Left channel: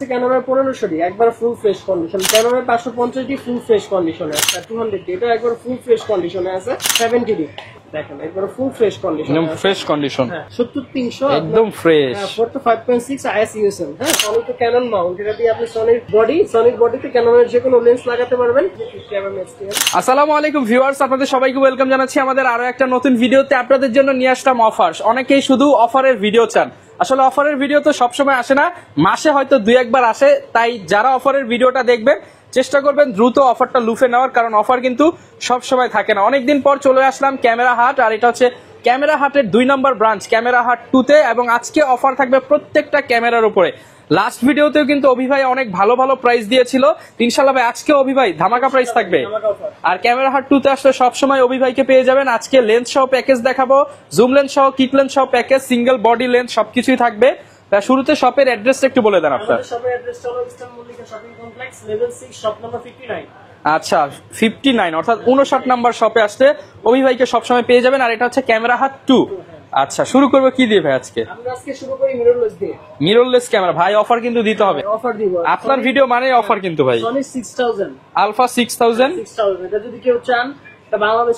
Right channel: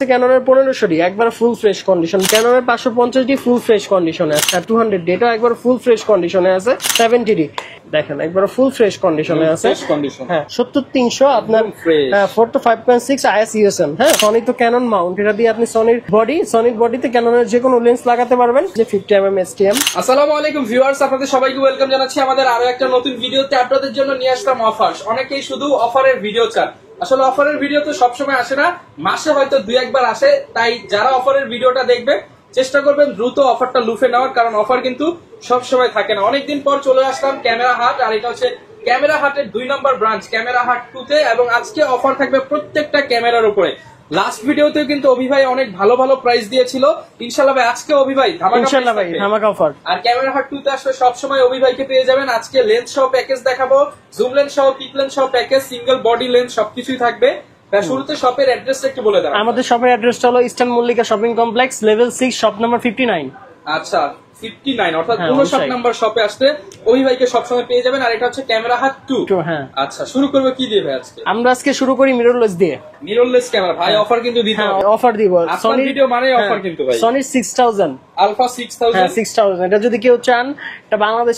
ক্যাননের 1500 একবার full fresh condition, ক্যাননের 550 full fresh কন্ডিশনে আছে, 200 এটা একবার ফুল ফ্রেশ কন্ডিশনে আছে, 70 দেখেন একবার ফুল ফ্রেশ কন্ডিশনে আছে, ফ্রেশ কন্ডিশন। হ্যাঁ 70300 আপনার ফ্রেশ, হ্যাঁ 4 to 5.6 IS USM। হ্যাঁ সনি তো ক্যানন মাউন্ট, এটা দিয়ে আপনি সনির বডিতে ক্যাননের যে কোনো লেন্স লাগাতে পারবেন, যে 50mm STM। আসসালামু আলাইকুম ভিউয়ার্স, আপনাদের সবাইকে ওয়েলকাম জানাচ্ছি আমাদের আরো একটা নতুন ভিডিওতে। আপনাদের জন্য নিয়ে আসলাম অফার। অনেকেই শুধু অফারের ভিডিও চান, আসলে অফারের ভিডিও তো সবসময় আসে না, মাসে হয়তো দুই একবার আসে। তাই যারা অফারের ভিডিওটা দেখবে চেষ্টা করবেন দ্রুত অফারটা লুফে নেওয়ার, কারণ অফার কিন্তু সবসময় থাকে না। অনেকদিন পর চলে আসলাম ক্যামেরা হাট, আর এটা হচ্ছে ক্যামেরা হাটের 2 নম্বর ব্রাঞ্চ ক্যামেরা হাট 2 তে, এবং আজকে অফার থাকবে প্রত্যেকটা ক্যামেরার উপরে। লাস্ট ভিডিওতেও কিন্তু অভি ভাই অনেক ভালো ভালো প্রাইস দিয়েছিল, ইনশাআল্লাহ ভাই আজকে অভি ভাই ধামাকা প্রাইস থাকবে, ধামাকা অফার। আর ক্যামেরা হাট 2 তে আসলে সবসময় অভি ভাইকে পেয়ে যাবেন। আজকে লেন্স সহ প্যাকেজ দেখাবো, জুম লেন্স সহ, কিট লেন্স সহ প্যাকেজ, সিঙ্গেল বডি লেন্স সবকিছুই থাকবে। শুরুতে শপের অ্যাড্রেসটা একটু বলে দেন। আমাদের শপের অ্যাড্রেসটা হলো eastern Mallika shopping complex, level 6, shop number 59। আচ্ছা 59 অর্থাৎ 59 নাম্বার শপে আসতে অভি ভাইকে সবসময় পেয়ে যাবেন। আর এটা হচ্ছে ক্যামেরা হাট 2। হ্যাঁ আচ্ছা শুরু করবো কি দিয়ে ভাই আজকে? আমরা আজকে শুরু করি মিররলেস দিয়ে। মিররলেস ক্যামেরা ভাই অফার কিন্তু দিতে হবে, অফার দিব। আপনার ভিডিও মানে অফার কিন্তু ভাই। সনি 6000 আলফা 6000, 6000 এটা যদি কেউ চান, এটা বাংলাদেশ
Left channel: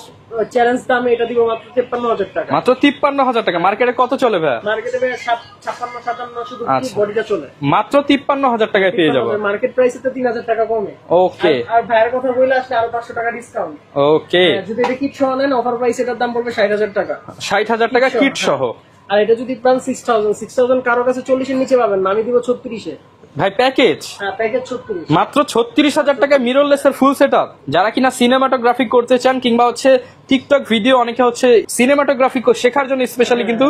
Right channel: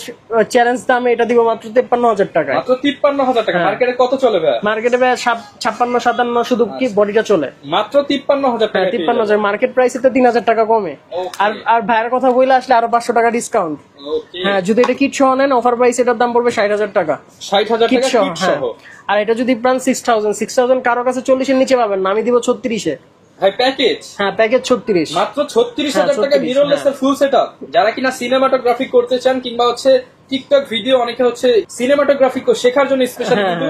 চ্যালেঞ্জ দামে এটা দিব মাত্র 53000 টাকা। মাত্র 53000 টাকা। মার্কেটে কত চলে ভাই? মার্কেটে ভাই 56 57 শুধু কি বডিটা চলে, মাত্র 53000 টাকা পেয়ে যাবেন। 53000 মার্কেট প্রাইসে তো 3000 টাকা কমে। ওকে, আর ভাইয়ের কথা বইলে আসলে আরো 500 টাকা ডিসকাউন্ট। ওকে, যদি এটা কিট সহ নেন অফার প্রাইস এটার দাম পড়বে 60000 টাকা। 60000 টাকা কিট সহ। আর এটা যদি পান 6000 কারো কাছে 40 এর নিচে পাবেন না, আমি দিব 36 এ ভাই প্যাকেজ। হ্যাঁ প্যাকেজ 36, মাত্র 36000 টাকা মিররলেস এর ফুল সেটআপ। যারা কিনা সিনেমাটোগ্রাফি করতে চান কিংবা হচ্ছে টিকটক ভিডিও, অনেকে হচ্ছে সিনেমাটোগ্রাফি শেখার জন্য স্পেশালি কিন্তু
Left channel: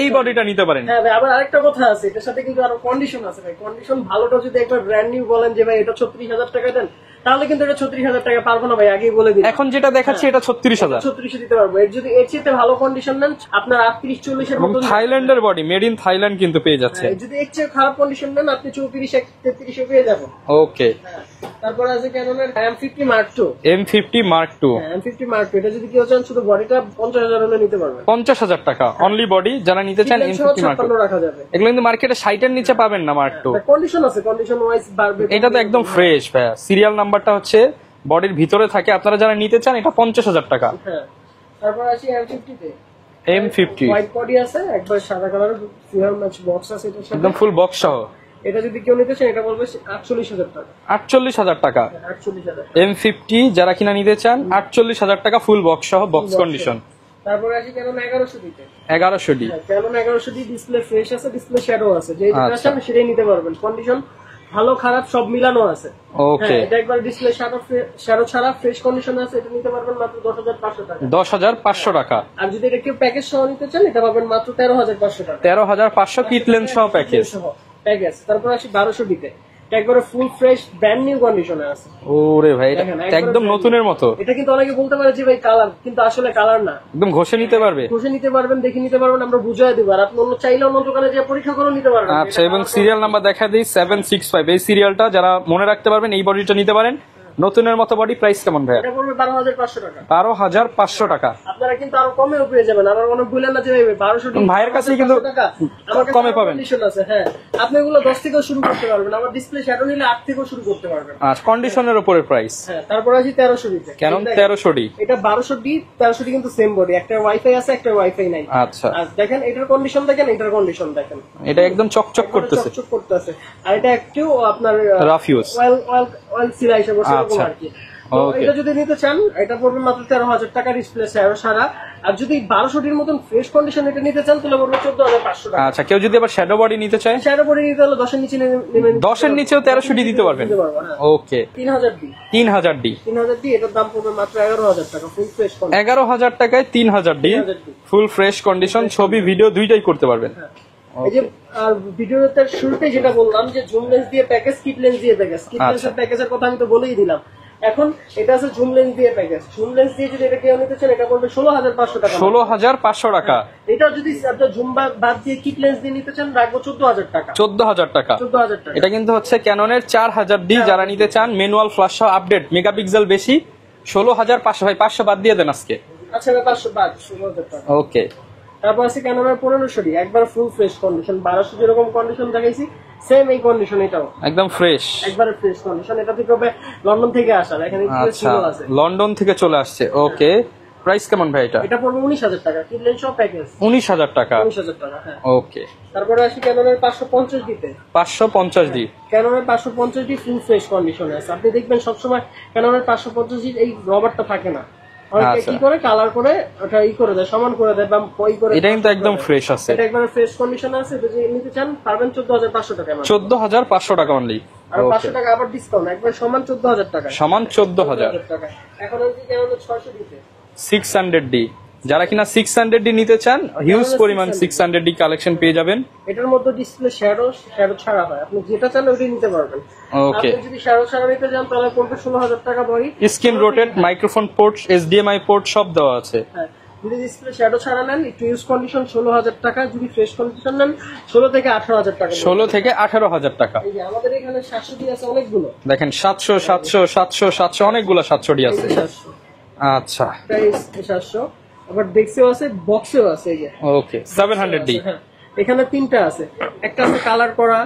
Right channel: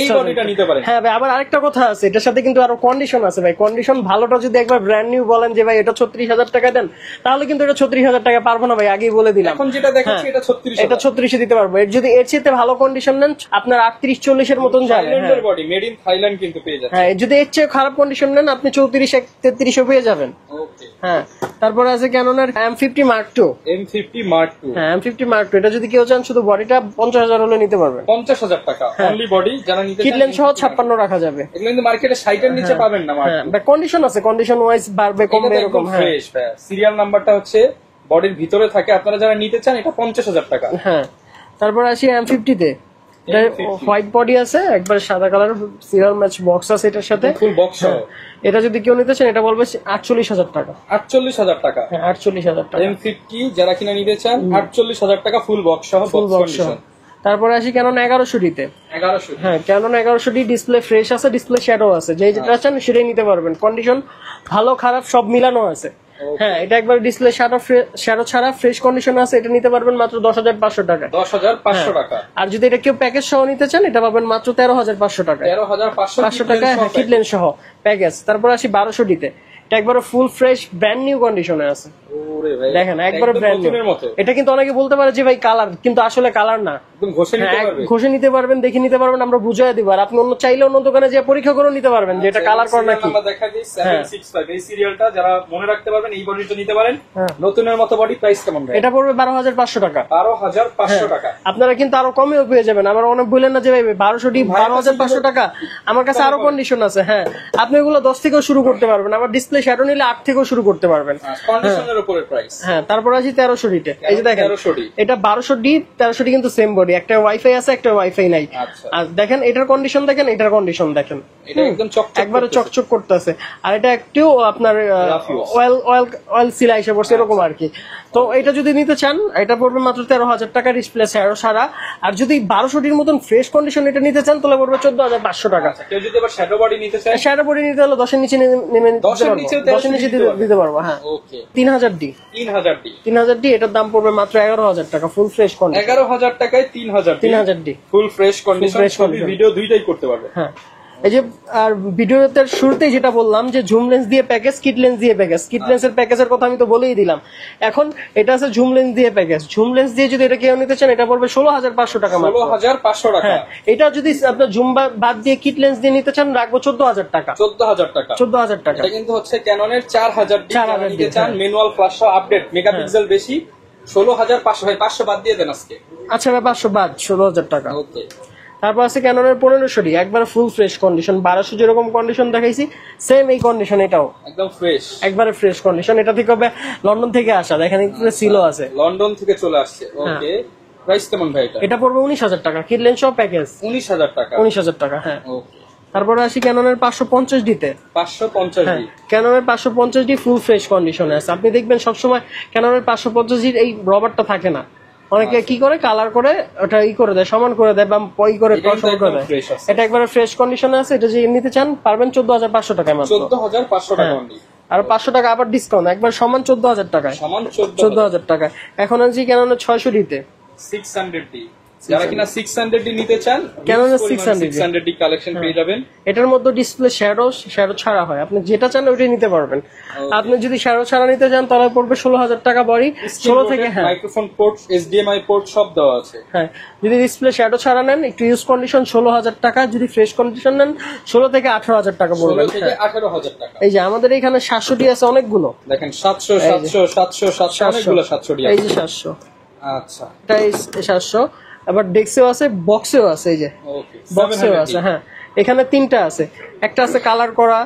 এই বডিটা নিতে পারেন। হ্যাঁ ভাই আবার আরেকটা কথা আছে, এটার সাথে কিন্তু আরো কন্ডিশন আছে ভাই। কন্ডিশন ভালোটা যদি একবার ব্র্যান্ড নিউ বলেন যে ভাই এটা 36000 টাকা দেন, তাহলে কিন্তু এটা 36000 টাকা পারবো না ভাই, আগেই বলে দিলাম। এখন যেটা দেখাচ্ছি এটা 36000, এটা 36 এ দিতে পারবো। এর যদি এর চেয়ে ভালো কন্ডিশন নেন আপনার 38 40 এর মতন যাবে। থাইল্যান্ডের বডি, মেড ইন থাইল্যান্ড কিন্তু পেয়ে যাচ্ছে। হ্যাঁ যদি এর চেয়ে খারাপ কন্ডিশন নেন আপনি 34 33 এ পেয়ে যাবেন। ওকে, হ্যাঁ তারপরে আছে ক্যাননের M50 Mark II। M50 Mark II, হ্যাঁ M50 Mark II এটা যদি কেউ চান শুধু বডিটা 50000 হলে নিতে পারবে। 50000 টাকা অনলি বডি। যারা নিতে চান কিটলেন সহ 56 রাখা যাবে। এগুলো কিন্তু মার্কেটে 60 এর নিচে পাবেন না Mark II। কন্ডিশন আছে, কন্ডিশন ওয়াইজ বাড়বে কমবে। এটা তো একদম ফ্রেশ ভাই, সিরিয়াল নাম্বারটা হচ্ছে বডির ভিতরে থাকে। আপনারা যারা নিতে চান এটা 50000 টাকা। হ্যাঁ তারপর আসি M50 তে। M50 হোয়াইট বডি আছে, একবার সাদা কালার সিরিয়াল ম্যাচ বক্স আছে এটার সাথে, ফুল বক্স সহ। এটা যদি কেউ নিতে চান এটা বলবে 48000 টাকা। 48000 টাকা। হ্যাঁ 48000 টাকা। M50 যারা কিনা নিতে চান 48000 টাকা ফুল বক্স সহ, বক্স কন্ডিশন। তারপরে আসি ক্যানন 1100 তে। 1100 হ্যাঁ ক্যানন 1100 ডিসপ্লে ফ্রেশ আছে, ডিসপ্লে শ্যাডো আছে, যেটা চান সেটাই নিতে পারবেন। কন্ডিশন ভালো খারাপ সব মিলানো আছে। ওকে, এটা একবার ডিসপ্লে শ্যাডো ছাড়া ফ্রেশ কন্ডিশন আছে, এটা নিতে পারবেন মাত্র 10500 টাকা। 10500 টাকা। আর যদি এটা কেউ প্যাকেজ সহ নিতে চান এটা পাবেন মাত্র 13500 টাকা। 13500 কিটলেন সহ প্যাকেজ। তারপর আসি 1200 তে। এটা একবারে ফুল ফ্রেশ ব্র্যান্ড নিউ কন্ডিশনে আছে। ওরে ভাই দেখেন একদম নতুনের মতো। এটা কিন্তু অনেকে বলতে পারে যে ভাই কালার, কিন্তু আসলে কালার না, একদম ঘষে নিতে পারবে। ঘষে নিতে পারবেন, দেখে নিতে পারবেন, আমরা বুঝিয়ে দিব। আর আপনি অন্য চাইলে অন্য দোকানে যে পরীক্ষা করে নিতে পারবেন যে এটা কালার। সিরিয়াল নাম্বার দেখা দিই 765, এই সিরিয়ালটা যারা মনে রাখতে পারবেন এই বডিটা নিতে পারেন। নতুনের মতো বডি। প্রাইস কেমন ভাই? এটা পড়বে 12500 টাকা। 12500 টাকা। আপনারা কিন্তু আরো কমেও পেয়ে যাবেন। আমরা অনেক বললেন না যে ভাই 12500 টাকা, আমার কাছে আরো কন্ডিশন আছে। হ্যাঁ আপনি এগুলো 10 থেকেও শুরু করতে পারবেন, আমার ডিসপ্লে শ্যাডো নিলে 8 থেকেও শুরু করতে পারবেন। আর কন্ডিশনের উপরে প্রাইস। হ্যাঁ তারপরে আছে 1300 তে। এই যে দেখেন 1300 এটা 1200 1300 কিন্তু সেম বডি, একটা ওয়াইফাই আছে একটা ওয়াইফাই নাই। আচ্ছা আর দেখেন এটার কন্ডিশন দেখেন, এটার কন্ডিশন দেখেন, এটা একদম চকচক করতেছে, চকচক করতেছে। আর এটা একটু আপনার রাফ ইউজ, অয়েল সিলা এসে পড়ছে এরকম আর কি। তো এটা যদি নিতে চান এটা পড়বে মাত্র 13000 টাকা ডিসপ্লে সারা। আর যদি 1200 টির মতন ফ্রেশ কন্ডিশন এটা নিতে চান তাহলে পড়বে 14500 টাকা। আচ্ছা কেউ যদি আবার শ্যাডো বডি নিতে চায়, শ্যাডো বডি নিতে হলে 10 এর নিচে নেমে 10 এর নিচেও 1300 দিতে পারবো। হ্যাঁ ওকে 3000 ডি এটার দাম পড়বে মাত্র 11000 টাকা ফুল ফ্রেশ কন্ডিশন। 11000 টাকায় 3000 ডি ফুল ফ্রেশ কন্ডিশন, ছবি ভিডিও দুইটাই করতে পারবেন। হ্যাঁ এই যে আর ভিডিওতে শুরুতেই যেটা বললাম যে জুম লেন্স দিয়ে প্যাকেজ, কিট লেন্স দিয়ে প্যাকেজ। কিট লেন্সের প্যাকেজের কথা আমি তো বলেই দিলাম। এখন এটা আছে জুম লেন্স দিয়ে প্যাকেজ। জুম লেন্স দিয়ে যদি এটা কেউ নিতে চান এটা পড়বে 16500 টাকা। 16500 টাকা। এটা যদি আপনার জুম বাদ দিয়ে কিট লেন্স দিয়ে নিতে চান রাখবো 14000 টাকা। 14000 টাকা। 14000 টাকা। এটা কিন্তু হচ্ছে ক্যাননের 4000 ডি যারা নিতে চান, ম্যানুয়াল ফ্ল্যাশ সহ আপডেট, মেগাপিক্সেল বেশি। 16500 ভাই 500 বাদ দিয়ে দেন আজকে। আচ্ছা 500 বাদ 16000 টাকা। ওকে তারপর আছে ক্যাননের 1500D, একবার ফুল ফ্রেশ কন্ডিশন, 1200 যেরকম কন্ডিশন দেখাইছি সেম এই কন্ডিশন, এটাও একদম ফ্রেশ, একবারে ফ্রেশ কন্ডিশন। এটা থেকে হবে লন্ডন থেকে আসা, এখানে সিলও আছে, লন্ডন থেকে চলে আসছে। ওকে, প্রাইস কেমন ভাই এটা? এটা পড়বে 19,000 টাকা, কিডলেন সহ প্যাকেজ 19,000 টাকা। 19,000 টাকা, হ্যাঁ। ওকে, তারপরে আসি ক্যাননের 550D তে। 550D, ক্যাননের 550D ফুল ফ্রেশ কন্ডিশনে আছে। আপনি দেখবেন সবসময় ক্যাননের 550D এই রবারটা থাকে না, অনেকে কি করে কালার করে ওটা করে দেয়, সমান করে দেয় বা করে। এটা কিন্তু একদম ফ্রেশ আছে, এটা একবারে ফ্রেশ কন্ডিশনে আছে। এটা যে নিতে চান পারবেন 14,500 টাকায় মাত্র, 14,500 টাকা অনলি। আর 500 টাকা আবার ডিসকাউন্ট, একবার সমান 14,000 টাকা, সমান 14,000 টাকা। এখন আনছি ক্যাননের 600D তে, 600D। যারা কিনা 600D নিতে চান, হিউজ পরিমাণ 600D কালেকশন পেয়ে যাবেন। এটার মধ্যে ডিসপ্লে শ্যাডো ছাড়া হয়, আপনি যেটা চান ওইটাই নিতে পারবেন। আপনি যদি শ্যাডো ছাড়া নিতে চান তাহলে পড়বে 16,000 টাকা বড়ি, screen rotate, microphone port, HDMI port সব দেওয়া আছে। হ্যাঁ, যদি ডিসপ্লে শ্যাডো ছাড়া নেন একটু ইউজ কন্ডিশন 16,000 টাকা, যদি ফ্রেশ কন্ডিশন নেন 16 থেকে 18,000 টাকা। 16 থেকে 18,000 টাকা। এই যে আমাদের এখানে 700D আছে অনেকগুলো, দেখেন 700 700 700 700 অনেকগুলো 700D এই আছে। যে 700, আচ্ছা, এটাই 700। আবার ডেক্সেও আছে, বক্সেও আছে, এই যে ওকে, বক্সেও 700D। আছে। হ্যাঁ, এখানে তিনটা আছে, একটা আছে কালার করা,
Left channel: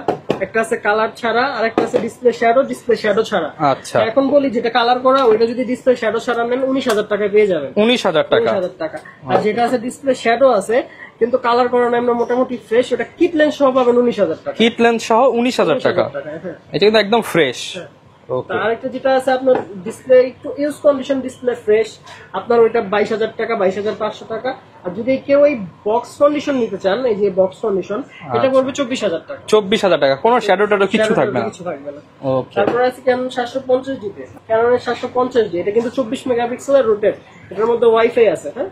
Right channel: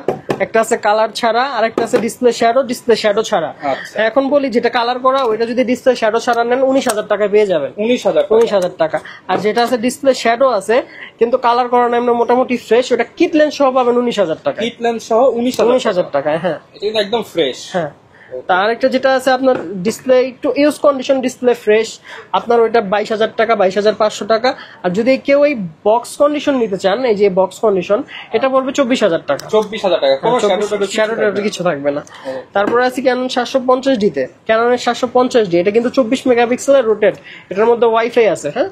একটা আছে কালার ছাড়া, আর একটা আছে ডিসপ্লে শ্যাডো ছাড়া। আচ্ছা, এখন বলি যেটা কালার করা ওইটা যদি ডিসপ্লে শ্যাডো ছাড়া নেন 19,000 টাকা পেয়ে যাবেন, 19,000 টাকা। 19,000 টাকা। আর যেটা আছে ডিসপ্লে শ্যাডো আছে কিন্তু কালার করা না, এমনি মোটামুটি ফ্রেশ, ওটা কিট লেন্স সহ পাবেন 19,000 টাকা, কিট লেন্স সহ 19,000 টাকা। হ্যাঁ, এটা কিন্তু একদম ফ্রেশ। হ্যাঁ। তার একটা যেটা আছে আপনার ডিসপ্লে একটু ইউজ কন্ডিশন, ডিসপ্লে ফ্রেশ, আপনার ওইটা 22,000 টাকা, 22,500 টাকা। আর যদি কেউ এই বক্স কন্ডিশন নিতে চান, এই যে বক্স কন্ডিশন, এটা পড়বে 24,000 টাকা, 24,000 টাকা, কোনো শ্যাডো ট্যাডো কিছু থাকবে না। তারপরে আছে ক্যানন 750D তে, ক্যাননের 750D, এটা কিন্তু 24 মেগাপিক্সেলের রোটেট, এটার মধ্যে ওয়াইফাই আছে। হ্যাঁ,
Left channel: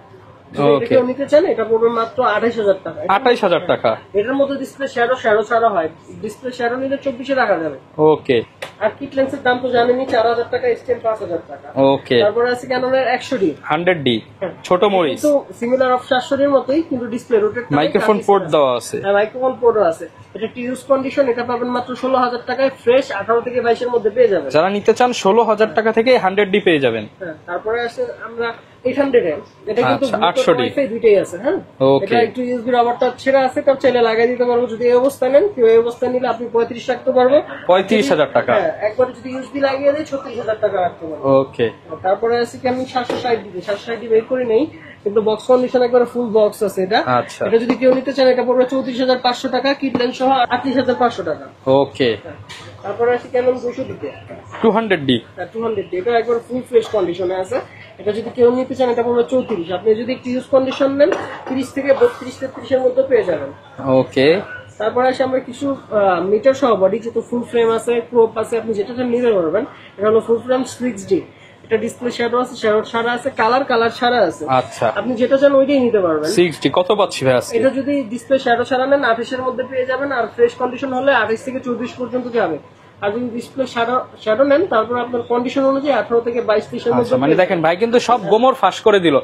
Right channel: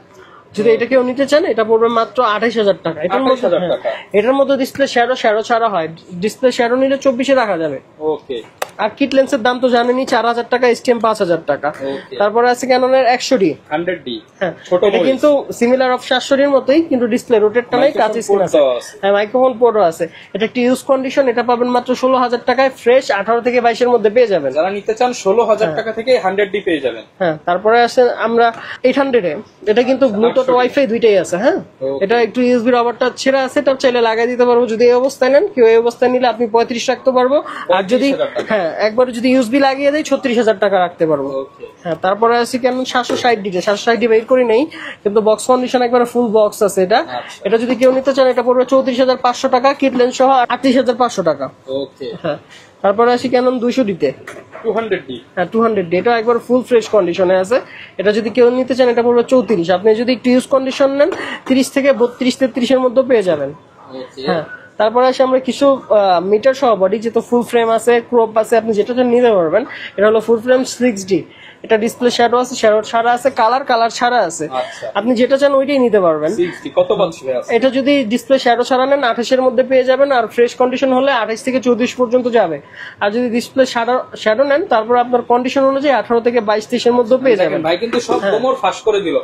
যদি এটা কেউ নিতে চান এটা পড়বে মাত্র 28,000 টাকা। 28,000 টাকা। এটার মধ্যে ডিসপ্লে শ্যাডো ছাড়া হয়, ডিসপ্লে শ্যাডো নিলে 24-এ রাখা যাবে। ওকে, আর কিট লেন্সের দাম তো জানেনই, 4,000 টাকা, STM 5,000 টাকা। ওকে, তারপরে আছে ক্যাননের 100D, 100D, হ্যাঁ, ছোট মরিচ, কিন্তু সিমিলার অফ 700D এর মতোই, কিন্তু ডিসপ্লে রোটেটটা নাই, মাইক্রোফোন পোর্ট দেওয়া আছে। হ্যাঁ, মাইক্রোফোন পোর্টও আছে। এটা একটি ইউজ কন্ডিশন, এটা পাবেন মাত্র 16,000 টাকায়, ফ্রেশ 18 থেকে 22 এর মধ্যে পেয়ে যাবেন। যারা নিতে চান 16,000 টাকা থেকে 100D পেয়ে যাবেন। হ্যাঁ, তারপরে আছে আমরা 800 এ, এটা কিন্তু ব্লুটুথ ওয়াইফাই দুইটাই আছে। হ্যাঁ, এটা একটু ইউএসবি রবারটা ছেড়ে আছে, এটা চাইলে লাগাই দিতে পারবো। যদি এই অবস্থায় নেন, কেউ এই অবস্থায় নিলে আপনি 35 রাখতে পারবো, 35,000 টাকা। হ্যাঁ, একবার যদি ইউএসবি লাগিয়ে দেই 36,000 টাকা রাখতে পারবো। ওকে, হ্যাঁ, তারপরে আছে কেন 760D, 760D বের করি নেই, কিন্তু বক্স কন্ডিশন একবার ফুল বক্স আছে এটা। আচ্ছা, এটা যদি কেউ নিতে চান এটা পড়বে 34,500 টাকা, কিট লেন্স সহ 38,500 টাকা। ওকে, হ্যাঁ, তারপরে আসি কেন 200D তে, 200D, হ্যাঁ 200D, এটা একবার ফুল ফ্রেশ কন্ডিশনে আছে। এটা যদি কেউ নিতে চান এটা পড়বে 34, আপনি যদি একটু ইউজ কন্ডিশন নেন 30 থেকে 32-33 এর মধ্যে পেয়ে যাবেন। ওকে, তারপরে আসে আমরা কিছু মিটার সহ বডি, যেহেতু ফুল ফ্রেম আছে, ক্রপ আছে, আপনি যেটা নিতে পারবেন। এটা হলো ফুল ফ্রেম 6D, এটা ডিসপ্লে শ্যাডো আছে, শ্যাডো ছাড়া আছে, কালার ছাড়া আছে। আচ্ছা, আপনি যেটা চান ওইটাই নিতে পারবেন। 6D কত বলছি ভাই আজকে? এটা যদি ডিসপ্লে শ্যাডো ছাড়া নেন 28 এর মধ্যে পেয়ে যাবেন, আর ফ্রেশ কন্ডিশন হলে 28 থেকে 24 পর্যন্ত যাবে। আর যদি ডিসপ্লে শ্যাডো নেন তারপর আপনার কন্ডিশন অনুযায়ী 18 থেকে 22-23 এর মধ্যে পেয়ে দেখেন যাবেন। ভাই কিন্তু সব গোমর ফাঁস করে দিল।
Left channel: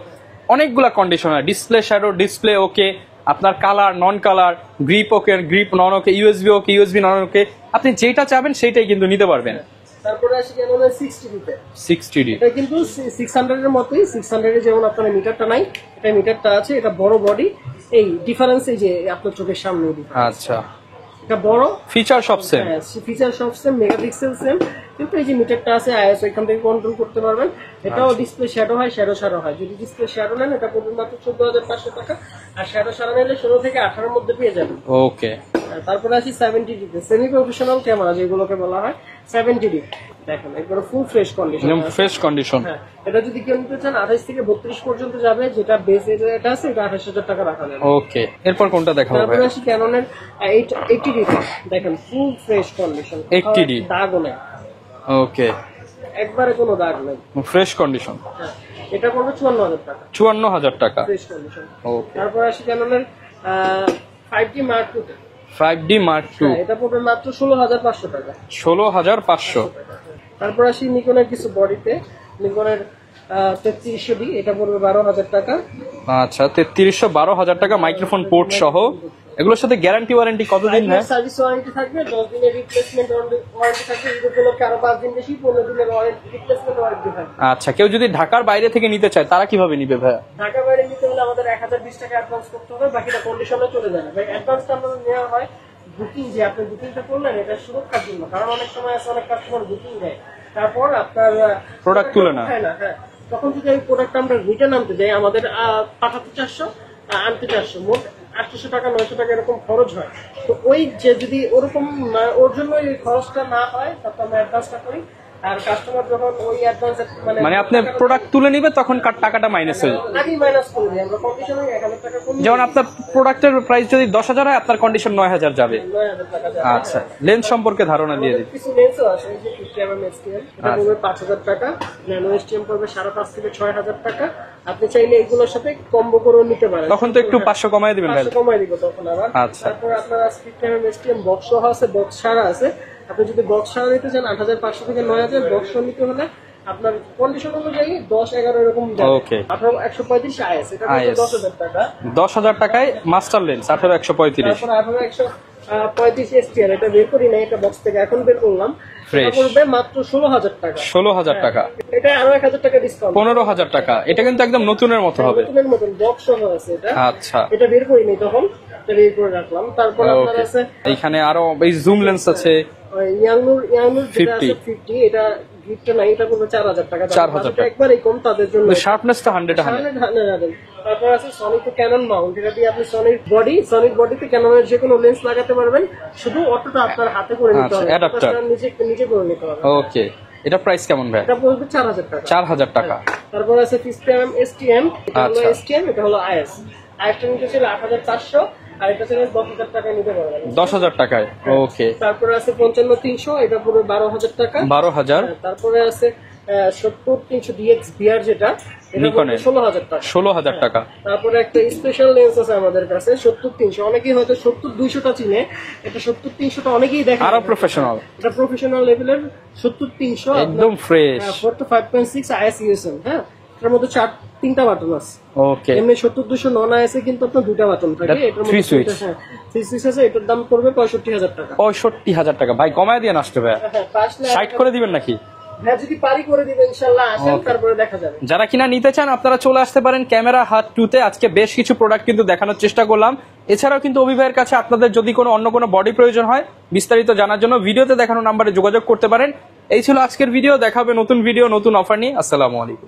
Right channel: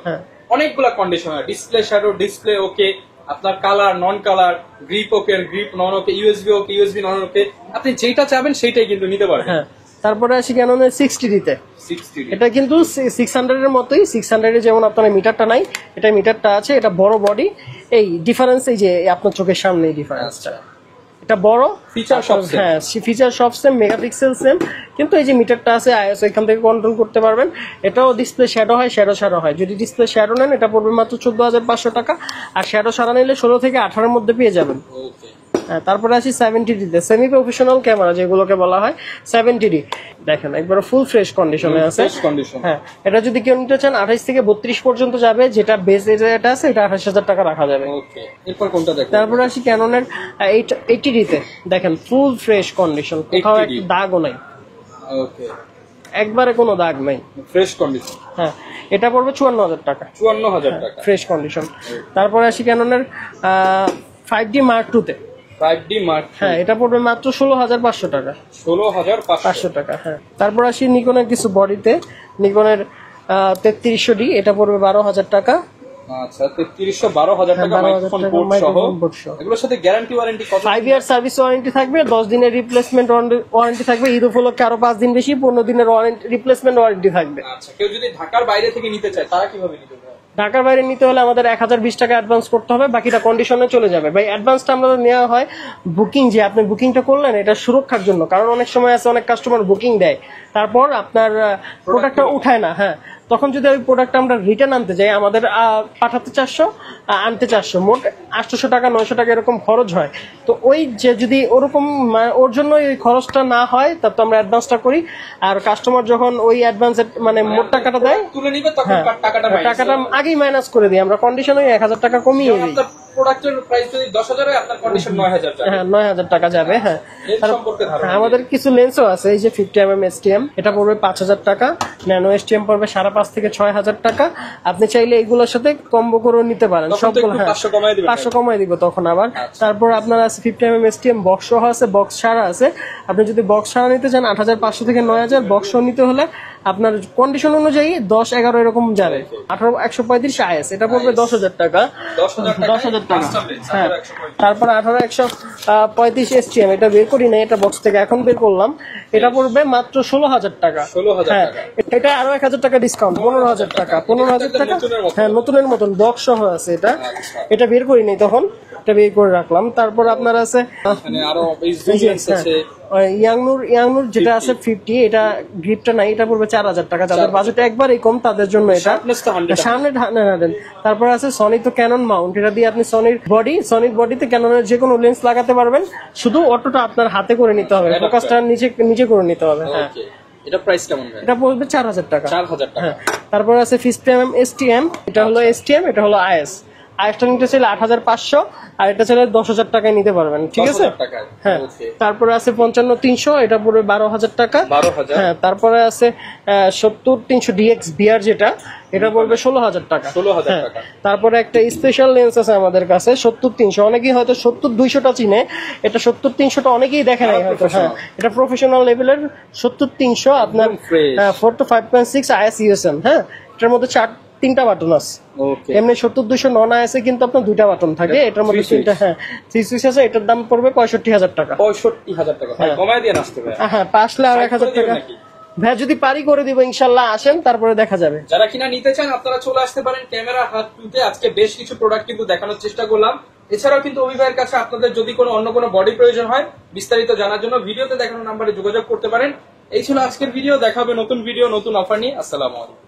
অনেকগুলা কন্ডিশন, ডিসপ্লে শ্যাডো, ডিসপ্লে ওকে, আপনার কালার, নন কালার, গ্রিপ ওকে, গ্রিপ নন ওকে, ইউএসবি ওকে, ইউএসবি নন ওকে, আপনি যেটা চাবেন সেটাই কিন্তু নিতে পারবেন। তারপরে আসি ক্যাননের 60D তে, 60D, এটা কিন্তু 600 এর মতোই। 600 এর যেমন আপনার মিটারটা নাই, এটা মিটারটা আছে, এটা বড় বডি। এই ডিফারেন্স এই যে আপনার চোখের সামনে ডিফারেন্স। আচ্ছা, এটা বড়, ফিচার সব সেম। হ্যাঁ, ফিচার সব সেম, মেগাপিক্সেল সেম, কিন্তু এই যে মিটারটা আছে আইএসও এখান থেকে কন্ট্রোল করতে পারবেন। এটাও ডিসপ্লে শ্যাডো হয়, শ্যাডো হয়। যদি ডিসপ্লে শ্যাডো নেন এটা পড়বে মাত্র 14,500 টাকা, আর শ্যাডো ছাড়া নিলে 16 থেকে 18 এর মধ্যে পেয়ে যাবেন। ওকে, তারপরে আসি 70D তে, সেমি প্রফেশনাল ক্যামেরা যেগুলোকে বলা হয় 70D। দেখেন একবার ফুল ফ্রেশ কন্ডিশনে আছে, ফ্রেশ কন্ডিশন। হ্যাঁ, এটা যদি কেউ নিতে চান 28 থেকে 32 পর্যন্ত যাবে, যেটা বেস এটা আছে এটা 28,000 টাকা রাখা যাবে। ওকে, এরপর কোনটা দেখাবো? তারপরে আসি ক্যাননের 80D তে, দেখেন ফুল ফ্রেশ কন্ডিশন, 80D, দাগও নাই। ওকে, একবারে কোনো দাগ নাই, ফ্রেশ কন্ডিশন। হ্যাঁ, এটা পড়বে 54,000 টাকা, 54,000 টাকা, ফ্রেশ কন্ডিশন। তারপরে আসি ক্যাননের 5D Mark II তে, 5D Mark II, হ্যাঁ, এটা পড়বে মাত্র 16,500 টাকা, 16,500 টাকা। হ্যাঁ, তারপর আসি নিকনের কিছু বডিতে, নিকনের 3300D, এটা পড়বে 12,000 টাকা। আচ্ছা 3312,000 টাকা 12,000 মাইক্রোফোন টাকা পোর্ট সহ। microphone port সহ। এগুলোর সাথে গ্যারান্টি ওয়ারেন্টি কত 5 দিন? ইয়ার সার্ভিস ওয়ারেন্টি থাকবে, 10 দিনের রিপ্লেসমেন্ট ওয়ারেন্টি থাকবে, ঈদ উপলক্ষে আরো 5 দিন বেশি 15 দিনের রিপ্লেসমেন্ট ওয়ারেন্টি থাকবে। আচ্ছা কেউ যদি ঢাকার বাইরে থেকে নিতে চায় তারা কিভাবে নিবে ভাইয়া? ঢাকার বাইরে নিতে হলে আমাদের 1020 টাকা অ্যাডভান্স করতে হবে, বাকিটা কন্ডিশনে চলে যাবে। ভাই অ্যাডভান্সটা আমাদের নেওয়া হয় বুকিং, যে আপনি বুকিংটা করলেন এটা সুরক্ষার জন্য, কারণ অনেক সময় আছে অনেক কাস্টমার বুকিং দেয় তারপর আপনার প্রোডাক্টটা তুলে না। উঠায় না, হ্যাঁ তখন যদি ওই প্রোডাক্টটা আমরা রিটার্ন আনতে যাই আমাদের পাঠাতে 400 আনতে 400, মোট 800 টাকা 900 টাকা এরকম খরচ হয়। তো ওই যে যদি ওরকম ওর জন্য ওই খরচটা না হয় তবে তো আমরা অ্যাডভান্সটা করি, আর কাস্টমার যখন ওই অ্যাডভান্সের মানে মানে মোট আপনি টাকাটা দেয় প্রোডাক্ট তুলে নিবে তখন হ্যাঁ, টাকাটা মাইনাস টাকাটা আগেই মাইনাস করে দিই আমরা, কন্ডিশনে 1000 টাকা কমিয়ে যেমন দিই। আপনার প্রোডাক্টের প্রাইস যদি 10,000 হয় আপনার কন্ডিশন 9,000 যাবে। হ্যাঁ 9000 টাকা যাবে। আচ্ছা হ্যাঁ লেন্স সম্পর্কে ধারণা দিয়ে আমাদের দিন। কিছু লেন্সও আছে, এই যে 50mm STM এটা পড়বে 5000 টাকা, ন্যানো STM পড়বে 5.5 থেকে 6000 টাকা। আপনি চাইলে এগুলোর সাথে কম্বো করে নিতে পারেন, তখন তো একটু 500 কমাই দিবেন। 500 কমাই দিব তখন আবার। আচ্ছা। তারপর আপনার আছে 50mm STM বক্স সহ আছে, বক্স ছাড়া আছে। আপনি যদি বক্স ছাড়া নিতে চান 8500 থেকে 9000, বক্স সহ নিতে হলে আপনার কন্ডিশন অনুযায়ী 10-11 এরকম যাবে। Okay. 135 IS এটা পড়বে IS 10,000 টাকা। 10,000 টাকায় 10,000 টাকা। মাস্টার লেন্স, হ্যাঁ। 18135। তারপর 18135 STM এটা বের করি না, এটা বক্স থেকে এখন বের করলাম, এটা পড়বে মাত্র 16,000 টাকা। 16,000 হ্যাঁ, টাকা। এটা আরো 1000 টাকা ডিসকাউন্ট, 15,000 টাকা। এটা কিন্তু একদম নতুনের মতো হ্যাঁ হবে। নতুনের মতন বক্স সহ আছে এটা। আচ্ছা এটা বের করিনি তখন, এটা বের করে রাখলাম। তারপর আপনার Okay. আছে এখানে আরো এই জুম লেন্স আছে। ইয়াংনুর যেটা 50 আছে 50, এটা গ্রিপটা নাই, এটা পড়বে 4000 টাকা। যাদের 4,000 বাজেট একবারই কম তাদের জন্য এটা। শার্পনেস তো 100। সামনে 100। তারপর আছে সনি তো ক্যানন মাউন্ট, এটা দিয়ে আপনি সনির বডিতে ক্যাননের যে কোনো লেন্স লাগাতে পারবেন, শুধু অটোটা আপনার হাতে করে নিতে আচ্ছা, হবে, adapter। ফোকাসটা নিজে করে নিতে হবে। হ্যাঁ। ওকে এটা প্রাইস কেমন ভাই? এটা পড়বে 4000 টাকা। 4,000 টাকা। হ্যাঁ। তারপর আছে 50mm STM, এটা হলো আচ্ছা। STM, এটা হলো IS। আইএসটা নিতে চাইলে 8500, আর এটা চাইলে 10,000 টাকায় নিতে পারবেন। ঠিক আছে 10,000 টাকায়। হ্যাঁ। ওকে তারপরে আছে 55300, এটা পড়বে 12,000 টাকা। 12,000। হ্যাঁ। তারপরে আছে 70300 DX VR যেটা, এটা পড়বে 16,000 টাকা। 16,000 হ্যাঁ। টাকা। তারপরে একটা স্পেশাল লেন্স আছে আমাদের কাছে 70300, অনেকেই হয়তো 70200টা চিনে, এটা 70300টা অনেকেই দেখে আরো নাই। professional। হ্যাঁ, এটা প্রফেশনাল লেভেলের 70300 আপনার একদম fresh। 4 to 5.6 IS USM। হ্যাঁ, এটার মধ্যে 3টা বাটন আছে। ওকে এমনি 70200 নন আইএসে কিন্তু আপনার 2টা বাটন থাকে, That এটার মধ্যে three switch। 3টা। হ্যাঁ 3 সুইচ আছে, এটার দাম পড়বে 65,000 টাকা। 65,000 টাকা। ভাই কমায় দিয়ে আসতে ভাই। হ্যাঁ 5 লাখ 60 করে দিবেন নাকি? ভাই যদি পারি করে দিব ইনশাআল্লাহ, আসেন তারপরে দেখা যাবে। যারা কিনা নিতে চান আপনারা চলে আসতে পারেন ক্যামেরা হাত 2-তে। আজকে বেশ কিছু প্রোডাক্ট কিন্তু দেখানোর চেষ্টা করলাম। এছাড়াও কিন্তু অভি ভাইয়ের কাছে আপনাদের যদি কোনো অন্য কোনো বডি প্রয়োজন হয় বিস্তারিত জানার জন্য ভিডিওতে দেখানো নাম্বারে যোগাযোগ করতে পারেন। এই ছিল আজকের ভিডিও, দেখা হবে নতুন ভিডিও নতুন অফার নিয়ে। আসসালামু আলাইকুম।